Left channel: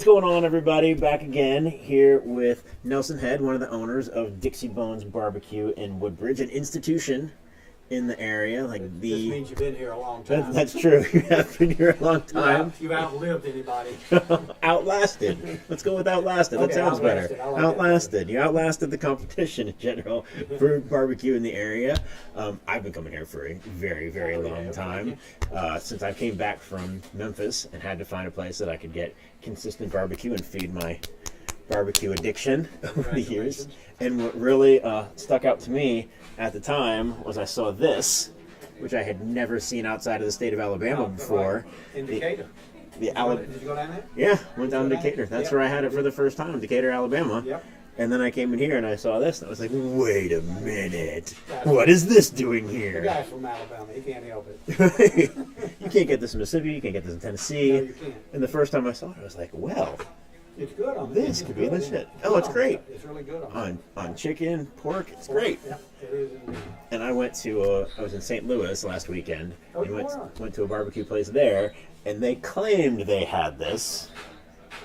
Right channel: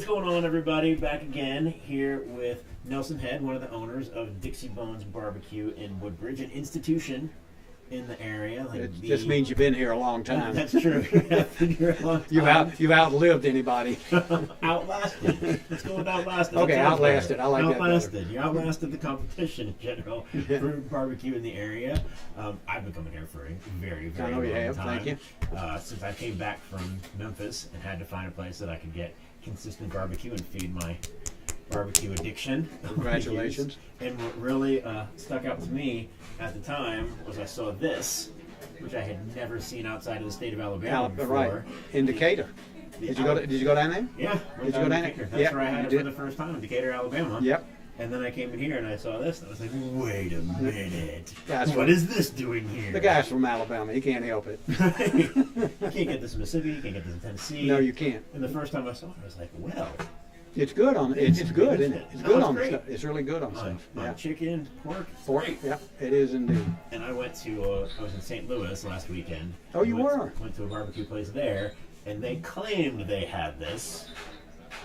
What's going on, everybody? Back again here with Nelson Head, one of the owners of Dixie Bones Barbecue in Woodbridge, an institution in the area. This means you've been here a long time. That's true. You've been here a long time. You've outlived anybody. Outlasted. Let's go with outlasted. Okay, that sounds outlasted. better. I like outlasted. You outlasted the competition in general for barbecue in the area. I've been coming here for a very, very long time. Since I came back from Memphis and had to find a place that I could get consistent barbecue and feed my barbecue addiction. Congratulations. And what really stuck out to me at the time was I saw this, which I had never seen outside of the state of Alabama before. Right. In Decatur. Did you go down there? Yeah, went down to Decatur. That's where I had it for the first time, in Decatur, Alabama. Yep. And then I came in here and I saw this and I was like, wait a minute. What is this doing here? The guy's from Alabama. He can't help it. You can't get this in Mississippi. You can't get this in Tennessee. No, you can't. And the first time I saw it, I was like, well. It's good on it. It's good, isn't it? It's great. It's really good on chicken, pork. It's great. Yeah, it is indeed. And I went to, I was in St. Louis last weekend. Oh, you were? Went to a barbecue place there, and they claimed they had this.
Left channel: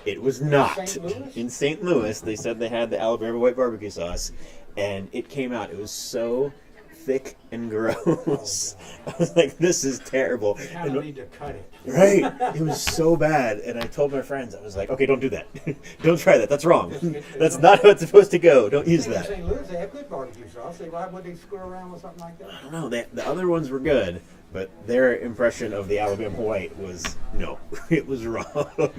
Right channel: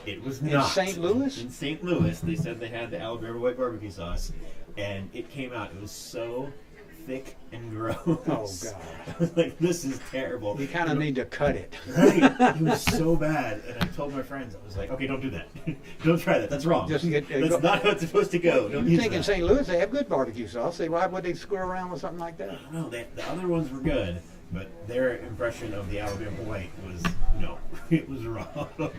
It was not. In St. Louis? In St. Louis, they said they had the Alabama White barbecue sauce, and it came out. It was so thick and gross. Oh, God. I was like, this is terrible. You kind of need to cut it. Right. It was so bad. And I told my friends, I was like, okay, don't do that. Don't try that. That's wrong. That's not how it's supposed to go. Don't use that. In St. Louis, they have good barbecue sauce. Why would they screw around with something like that? I don't know. The other ones were good, but their impression of the Alabama White was, no, it was wrong.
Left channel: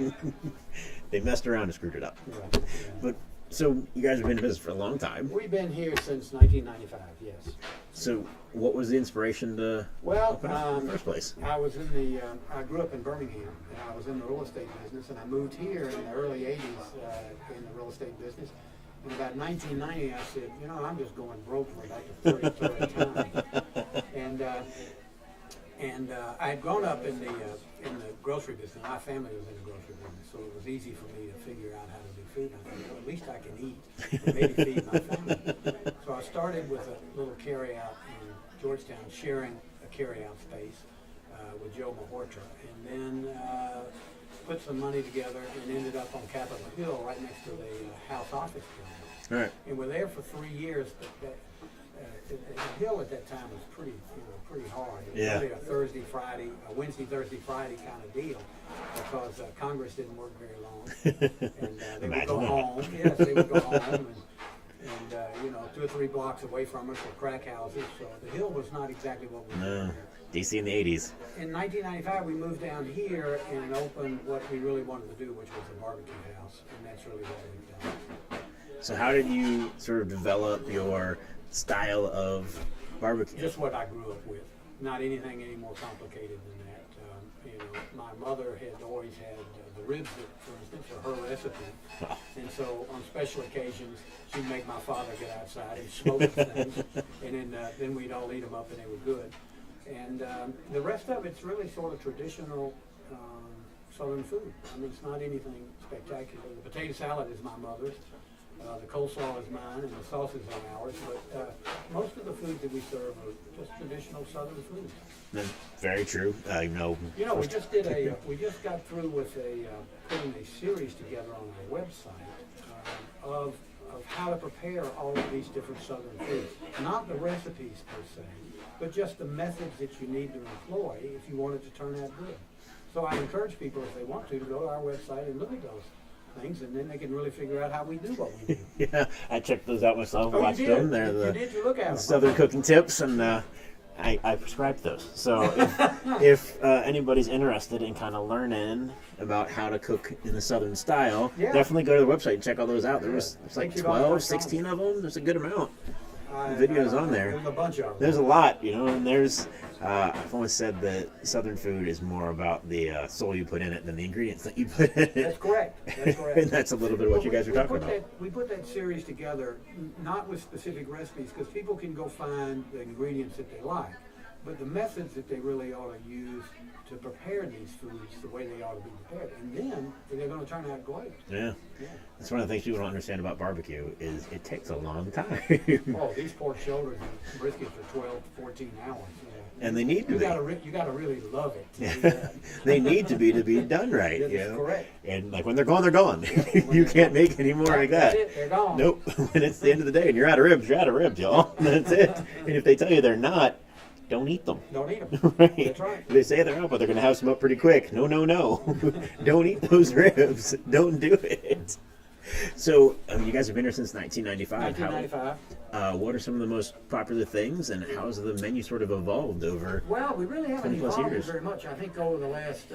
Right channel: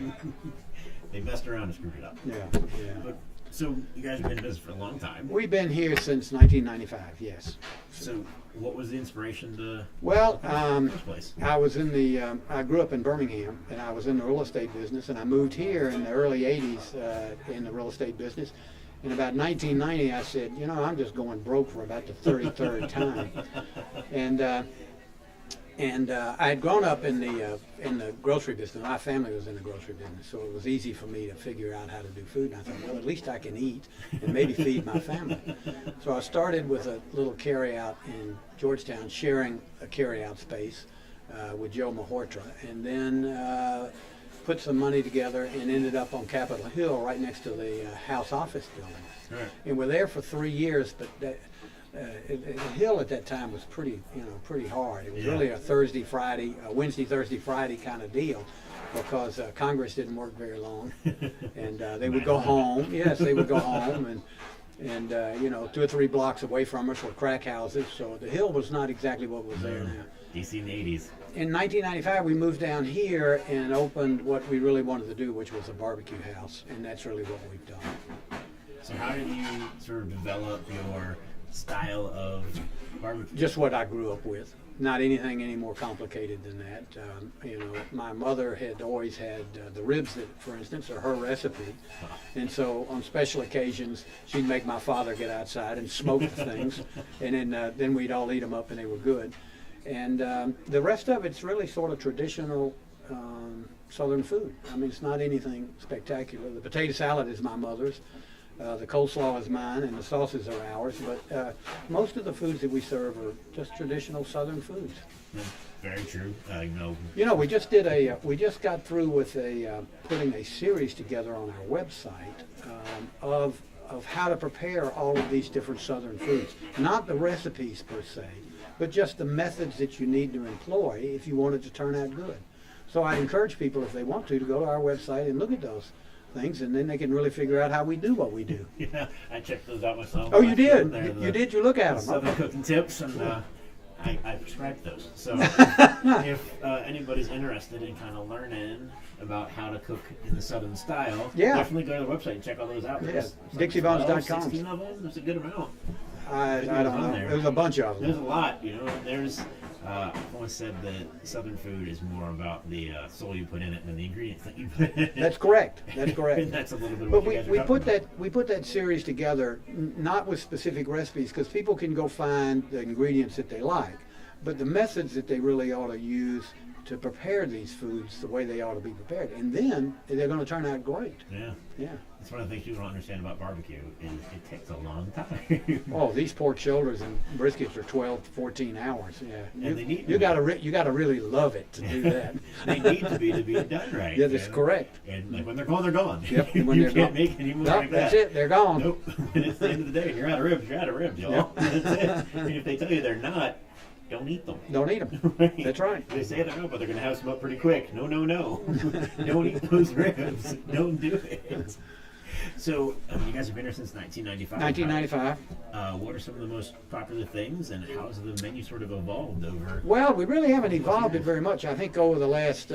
They messed around and screwed it up. Yeah. But so you guys have been in business for a long time. We've been here since 1995. Yes. So what was the inspiration to? Well, first place. I was in the. I grew up in Birmingham, and I was in the real estate business, and I moved here in the early '80s in the real estate business. In about 1990, I said, you know, I'm just going broke for about the 33rd time, and I had grown up in the grocery business. My family was in the grocery business, so it was easy for me to figure out how to do food. And I thought, well, at least I can eat and maybe feed my family. So I started with a little carryout in Georgetown, sharing a carryout space with Joe Mahortra, and then put some money together and ended up on Capitol Hill, right next to the House office building. Right. And we're there for 3 years, but the hill at that time was pretty hard. It was really a Wednesday, Thursday, Friday kind of deal, because Congress didn't work very long, and they would go home. Yes, they would go home, and 2 or 3 blocks away from us were crack houses. So the hill was not exactly what was there. DC in the 80s. In 1995, we moved down here and opened what we really wanted to do, which was a barbecue house, and that's really what we've done. So how did you sort of develop your style of barbecue? Just what I grew up with. Not anything any more complicated than that. My mother had always had the ribs, for instance, are her recipe. And so on special occasions, she'd make my father get outside and smoke things, and then we'd all eat them up, and they were good. And the rest of it's really sort of traditional Southern food. I mean, it's not anything spectacular. The potato salad is my mother's. The coleslaw is mine, and the sauces are ours. But most of the foods that we serve are just traditional Southern foods. Very true. We just got through with putting a series together on our website of how to prepare all of these different Southern foods. Not the recipes per se, but just the methods that you need to employ if you want it to turn out good. So I encourage people, if they want to go to our website and look at those things, and then they can really figure out how we do what we do. Yeah, I checked those out myself. Oh, you did? You did? You look at them. Southern cooking tips, and I prescribed those. So if anybody's interested in kind of learning about how to cook in the Southern style, definitely go to the website and check all those out. There's like 12, 16 of them. There's a good amount. Videos on there. There's a bunch of them. There's a lot, and there's. I've always said that Southern food is more about the soul you put in it than the ingredients that you put in it. That's correct. That's correct. And that's a little bit of what you guys are talking about. We put that series together, not with specific recipes, because people can go find the ingredients that they like, but the methods that they really ought to use prepare these foods the way they ought to be prepared, and then they're going to turn out great. Yeah. Yeah. That's one of the things people don't understand about barbecue is it takes a long time. Oh, these pork shoulders and briskets are 12 to 14 hours. Yeah. And they need you got to really love it to do that. They need to be done right. Yeah, that's correct. And like when they're gone, they're gone. Yep, you can't make any more like that. That's it. They're gone. Nope. When it's the end of the day and you're out of ribs, you're out of ribs, y'all. That's it. And if they tell you they're not, don't eat them. Don't eat them. Right. That's right. They say they're not, but they're going to have some up pretty quick. No. Don't eat those ribs. Don't do it. So, you guys have been here since 1995. 1995. What are some of the most popular things, and how has the menu sort of evolved over? Well, we really haven't 20+ evolved it years? very much. I think over the last,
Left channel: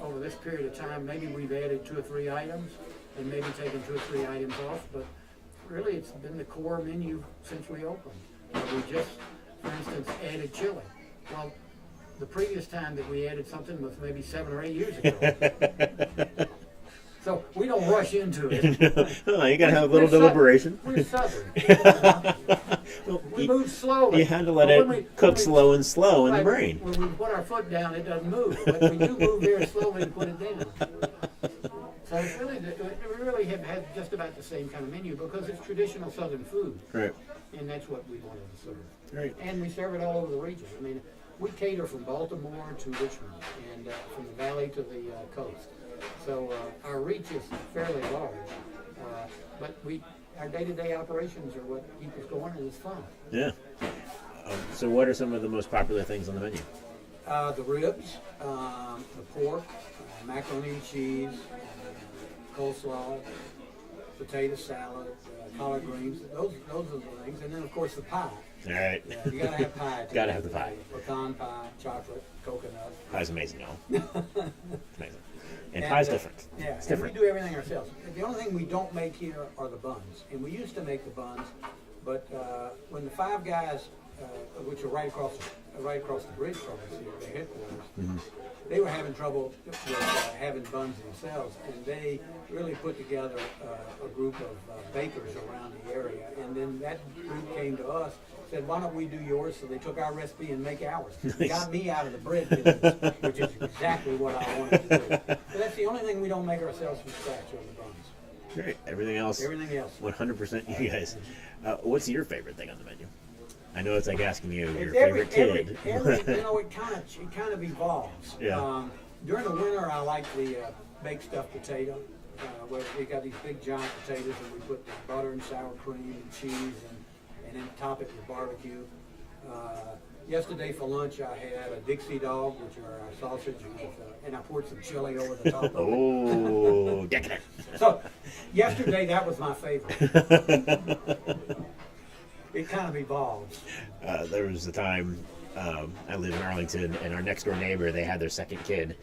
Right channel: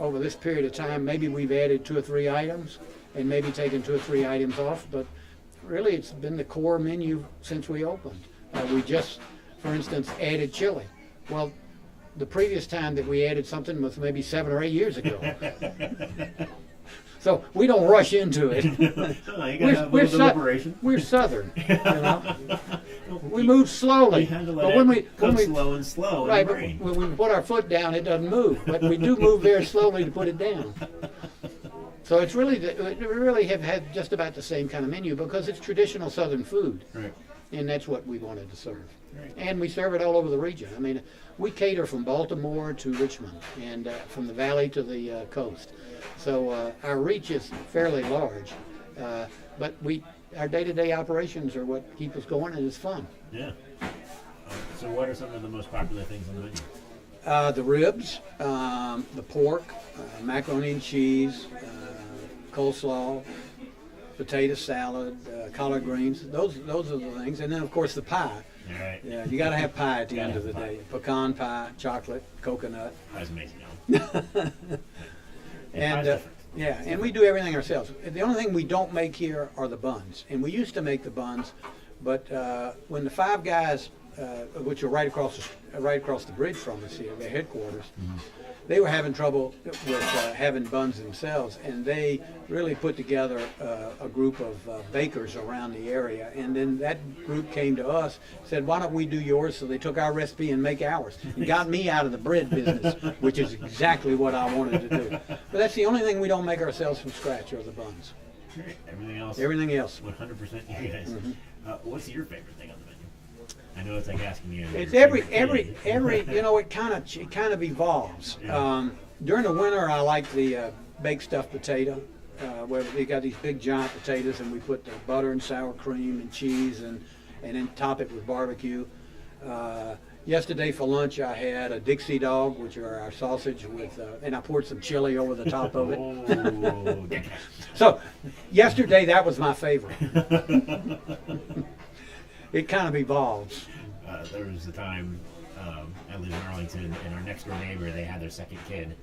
over this period of time, maybe we've added 2 or 3 items, and maybe taken 2 or 3 items off. But really, it's been the core menu since we opened. We just, for instance, added chili. Well, the previous time that we added something was maybe 7 or 8 years ago. So we don't rush into it. No, you gotta have a little deliberation. We're Southern. You know? We move slowly. You had to let it cook slow and slow in the brain. When we put our foot down, it doesn't move. But we do move very slowly to put it down. So it's really, we really have had just about the same kind of menu because it's traditional Southern food. Right. And that's what we wanted to serve. Right. And we serve it all over the region. I mean, we cater from Baltimore to Richmond and from the valley to the coast. So our reach is fairly large. But our day-to-day operations are what keep us going, and it's fun. Yeah. So what are some of the most popular things on the menu? The ribs, the pork, macaroni and cheese, coleslaw, potato salad, collard greens. Those are the things. And then, of course, the pie. All right. Yeah, you got to have pie at the Gotta end of have the the day. Pecan pie, chocolate, coconut. Pie's amazing, y'all. And pie's different. Yeah, It's and different. we do everything ourselves. The only thing we don't make here are the buns. And we used to make the buns, but when the Five Guys, which are right across the bridge from us here, their headquarters, they were having trouble with having buns themselves, and they really put together a group of bakers around the area. And then that group came to us, said, "Why don't we do yours?" So they took our recipe and make ours. It got me out of the bread business, which is exactly what I wanted to do. But that's the only thing we don't make ourselves from scratch are the buns. Great. Everything else. 100% you guys. What's your favorite thing on the menu? I know it's like asking you. It's your every favorite kid. you know, it kind of evolves. Yeah. During the winter, I like the baked stuffed potato, where we got these big giant potatoes, and we put the butter and sour cream and cheese, and then top it with barbecue. Yesterday for lunch, I had a Dixie dog, which are our sausage, and I poured some chili over the top of it. Oh, So, yesterday that was my favorite. It kind of evolves. There was a time I lived in Arlington, and our next door neighbor, they had their second kid,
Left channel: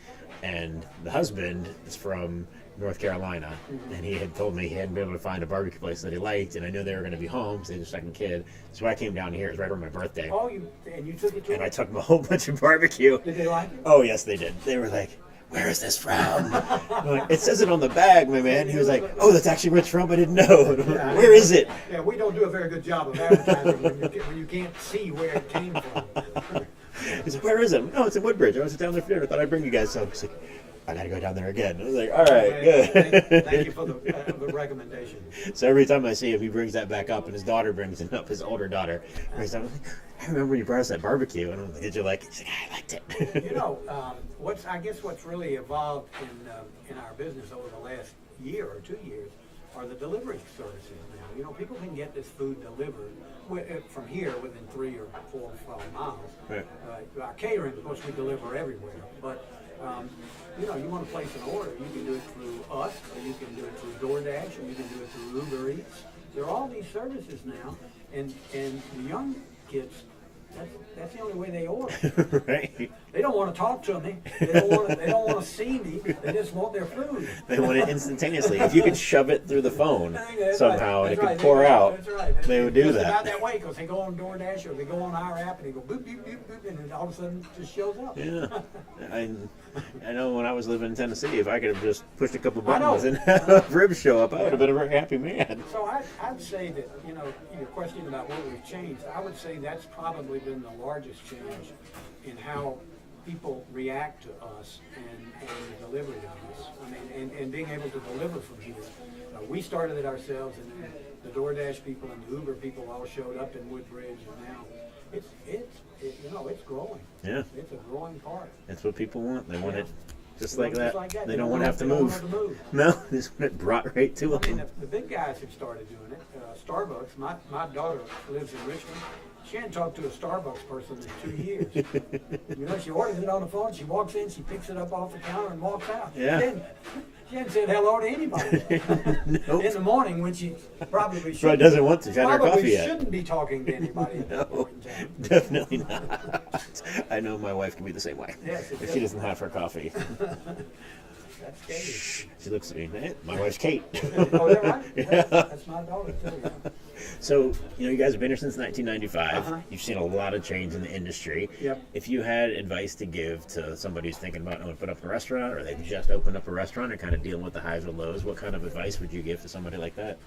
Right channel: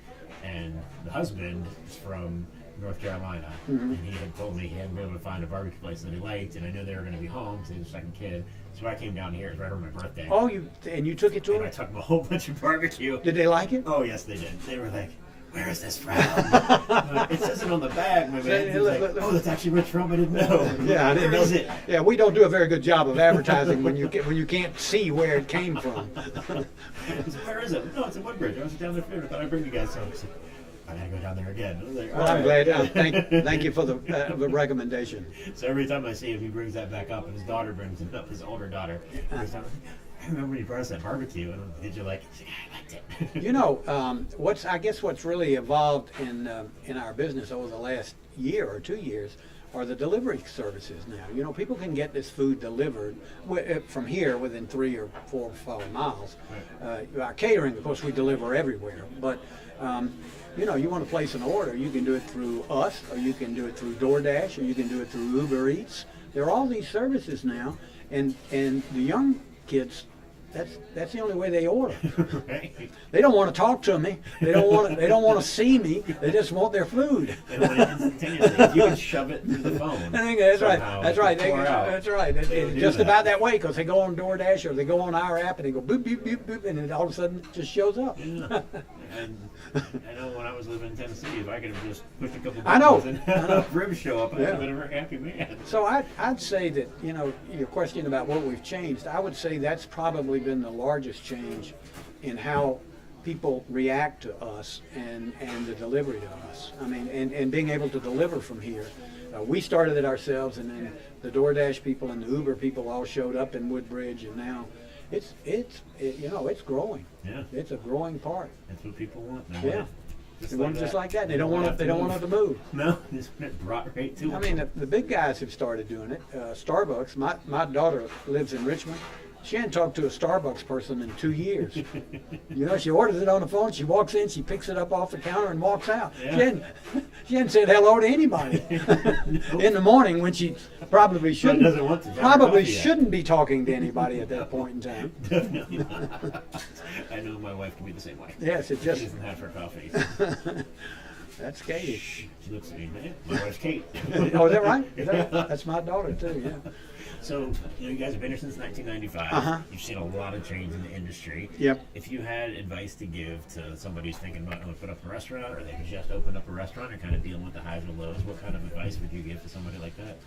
and the husband is from North Carolina, and he had told me he hadn't been able to find a barbecue place that he liked, and I knew they were going to be home, so they had their second kid. So I came down here. It was right around my birthday. Oh, you took it to And them? I took them a whole bunch of barbecue. Did they like it? Oh, yes, they did. They were like, "Where is this from?" Like, it says it on the bag, my man. He was like, "Oh, that's actually where it's from. I didn't know." Yeah, where is it? Yeah, we don't do a very good job of advertising when you can't see where it came from. He said, "Where is it?" "No, it's in Woodbridge. I was down there for dinner. I thought I'd bring you guys some." He's like, "I gotta go down there again." I was like, "All I'm right, glad. good." Thank you for the recommendation. So every time I see him, he brings that back up, and his daughter brings it up. His older daughter brings it up. I remember when you brought us that barbecue, and did you like it? He's like, "I liked it." You know, what's really evolved in our business over the last year or 2 years are the delivery services now. You know, people can get this food delivered from here within 3 or 4 or 5 miles. Right. Our catering, of course, we deliver everywhere, but you know, you want to place an order, you can do it through us, or you can do it through DoorDash, or you can do it through Uber Eats. There are all these services now, and the young kids, that's the only way they order. Right. They don't want to talk to me. They don't want to see me. They just want their food. They want it instantaneously. If you could shove it through the phone somehow, That's it right. could pour out. That's right. They would do just that. about that way because they go on DoorDash or they go on our app and they go boop boop boop boop, and then all of a sudden it just shows up. Yeah. I know when I was living in Tennessee, if I could have just pushed a couple I know. buttons and had ribs show up, I would have been a very happy man. So I'd say that, you know, your question about what we've changed, I would say that's probably been the largest change in how people react to us and the delivery of us. I mean, and being able to deliver from here. We started it ourselves, and then the DoorDash people and the Uber people all showed up in Woodbridge, and now it's growing. Yeah. It's a growing part. That's what people want. They want it just They like want it that. just like that. They don't want to have to They don't move. want to move. No, they just want it brought right to them. I mean, the big guys have started doing it. Starbucks. My daughter lives in Richmond. She hadn't talked to a Starbucks person in 2 years. You know, she orders it on the phone. She walks in, she picks it up off the counter, and walks out. Yeah. She hadn't said hello to anybody. Nope. In the morning, when she probably shouldn't. doesn't want to. Probably shouldn't be talking to anybody at that point in time. Definitely not. I know my wife can be the same way. Yes, it She just. doesn't have her coffee. That's Katie. She looks at me. "Eh, my wife's Kate." Oh, is that right? Yeah. That's my daughter too. Yeah. So, you guys have been here since 1995. Uh-huh. You've seen a lot of change in the industry. Yep. If you had advice to give to somebody who's thinking about put up a restaurant, or they just opened up a restaurant, or kind of dealing with the highs and lows, what kind of advice would you give to somebody like that?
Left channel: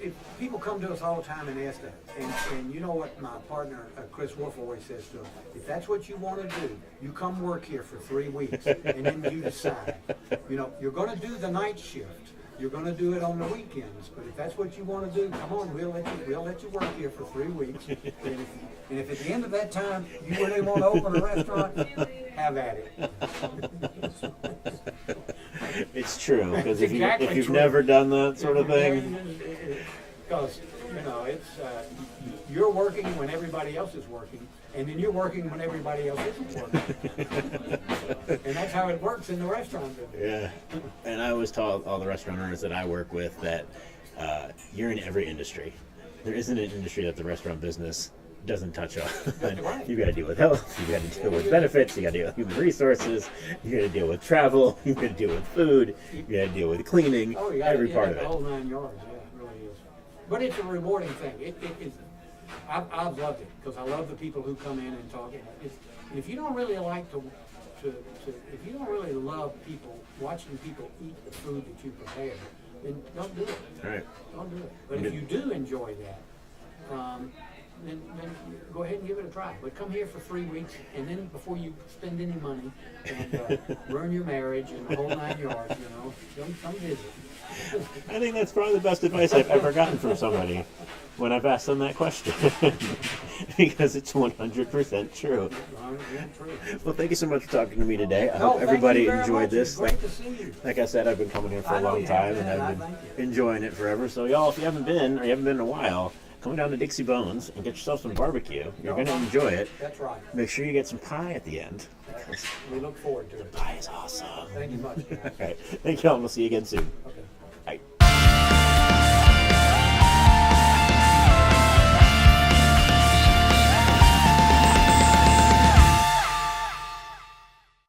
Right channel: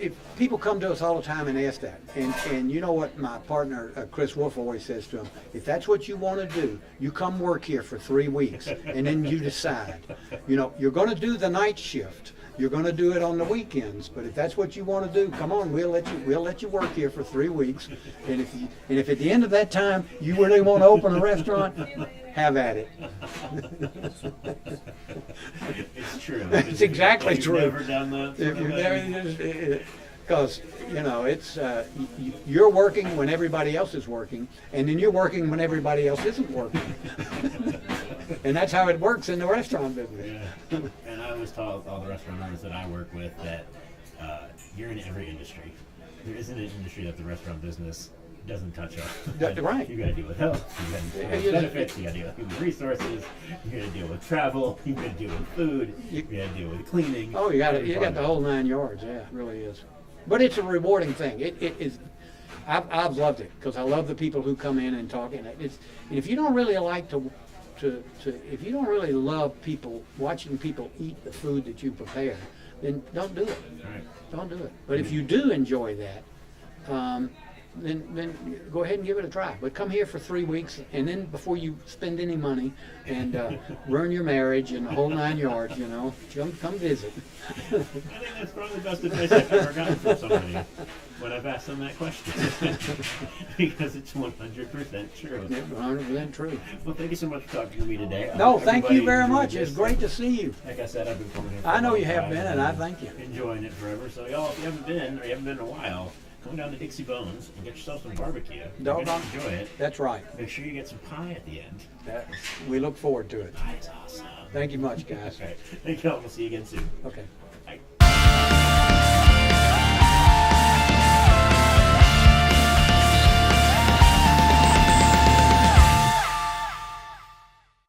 If people come to us all the time and ask that, and you know what my partner Chris Wolf always says to them, if that's what you want to do, you come work here for 3 weeks, and then you decide. You know, you're going to do the night shift. You're going to do it on the weekends, but if that's what you want to do, come on, we'll let you work here for 3 weeks. And if at the end of that time you really want to open a restaurant, have at it. It's true. It's exactly if you've true. never done that sort of thing. Because it's you're working when everybody else is working, and then you're working when everybody else isn't working. And that's how it works in the restaurant business. Yeah. And I always tell all the restaurant owners that I work with that you're in every industry. There isn't an industry that the restaurant business doesn't touch on. That's right. You got to deal with health. You got to deal with benefits. You got to deal with human resources. You got to deal with travel. You got to deal with food. You got to deal with cleaning. Oh, you got every part of the it. whole 9 yards. Yeah, it really is. But it's a rewarding thing. It is. I've loved it because I love the people who come in and talk. And if you don't really like if you don't really love watching people eat the food that you prepare, then don't do it. Right. Don't do it. But if you do enjoy that, then go ahead and give it a try. But come here for 3 weeks, and then before you spend any money and ruin your marriage and the whole 9 yards, come visit. I think that's probably the best advice I've ever gotten from somebody when I've asked them that question. Because it's 100% true. 100% true. Well, thank you so much for talking to me today. I No, hope thank everybody you very enjoyed much. this. It's great to see you. Like I said, I've been coming here for I a know long you time. have been, and I I've thank you. enjoying it forever. So y'all, if you haven't been, or you haven't been in a while, come down to Dixie Bones and get yourself some barbecue. You're going to enjoy it. That's right. Make sure you get some pie at the end. We look forward to it. Pie is awesome. Thank you much, guys. All right. Thank y'all. We'll see you again soon. Okay.